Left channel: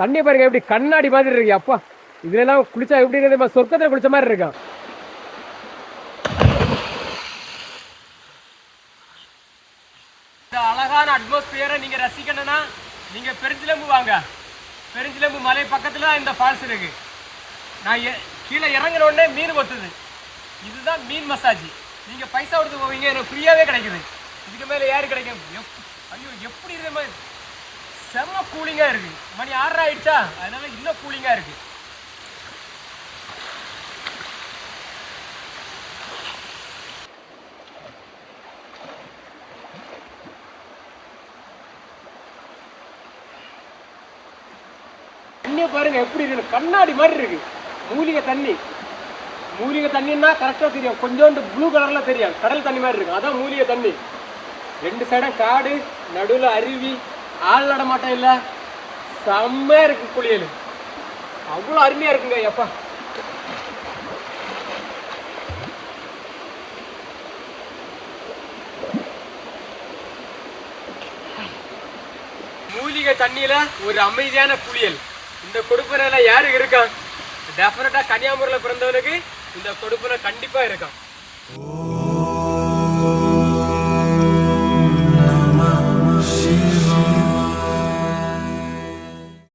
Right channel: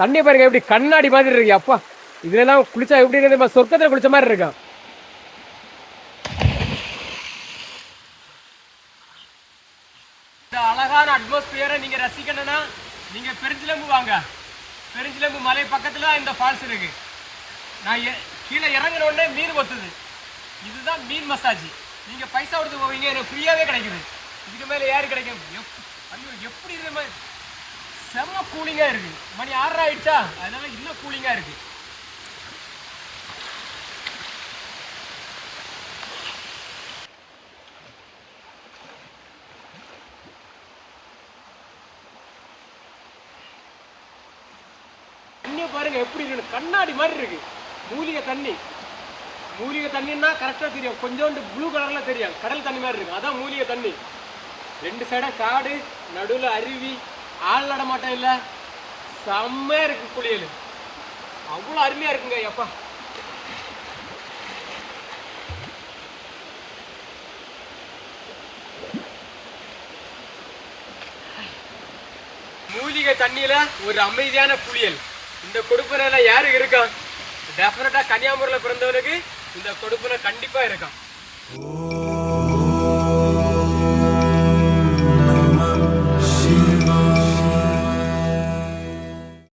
தண்ணி பாருங்க எப்படி கண்ணாடி மாதிரி இருக்கு. அப்பா இதெல்லாம் குளிச்சா எப்படி இருக்கு, சொர்க்கத்துல குளிச்ச மாதிரி இருக்கா. இந்த அழகான அட்மாஸ்பியரை நீங்க ரசிக்கணும்னா நீங்க பெருஞ்சிலம்பு வாங்க. பெருஞ்சிலம்பு மலை பக்கத்துல இந்த ஃபால்ஸ் இருக்கு. நான் கீழே இறங்கின உடனே மீன் கொத்துது. இதுதான் மீன் மசாஜ். நீங்க பைசா கொடுத்து போவீங்க, எனக்கு ஃப்ரீயாவே கிடைக்குது. இதுக்கு மேல யாரு கிடைக்கும்? ஐயோ எப்படி இதே மாதிரி செம்ம கூலிங்கா இருக்கு. மணி 6 ஆயிடுச்சா, அதனால இன்னும் கூலிங்கா இருக்கு. தண்ணியை பாருங்க எப்படி இருக்கு, கண்ணாடி மாதிரி இருக்கு. மூலிகை தண்ணி. மூலிகை தண்ணின்னா கரெக்டா தெரியும், கொஞ்சோண்டு ப்ளூ கலர்ல தெரியும், கடல் தண்ணி மாதிரி இருக்கும். அதான் மூலிகை தண்ணி. 2 சைடும் காடு, நடுவில் அருவி, ஆள் நடமாட்டம் இல்லை. செம்மையா இருக்கு குளியல். அவ்வளோ அருமையா இருக்குங்க. எப்பா மூலிகை தண்ணியில ஒரு அமைதியான குளியல். இந்த கொடுப்பனையில யாரு இருக்கா? டெஃபினட்டா கன்னியாகுமரியில பிறந்தவனுக்கு இந்த கொடுப்பனை கண்டிப்பா இருக்கும்.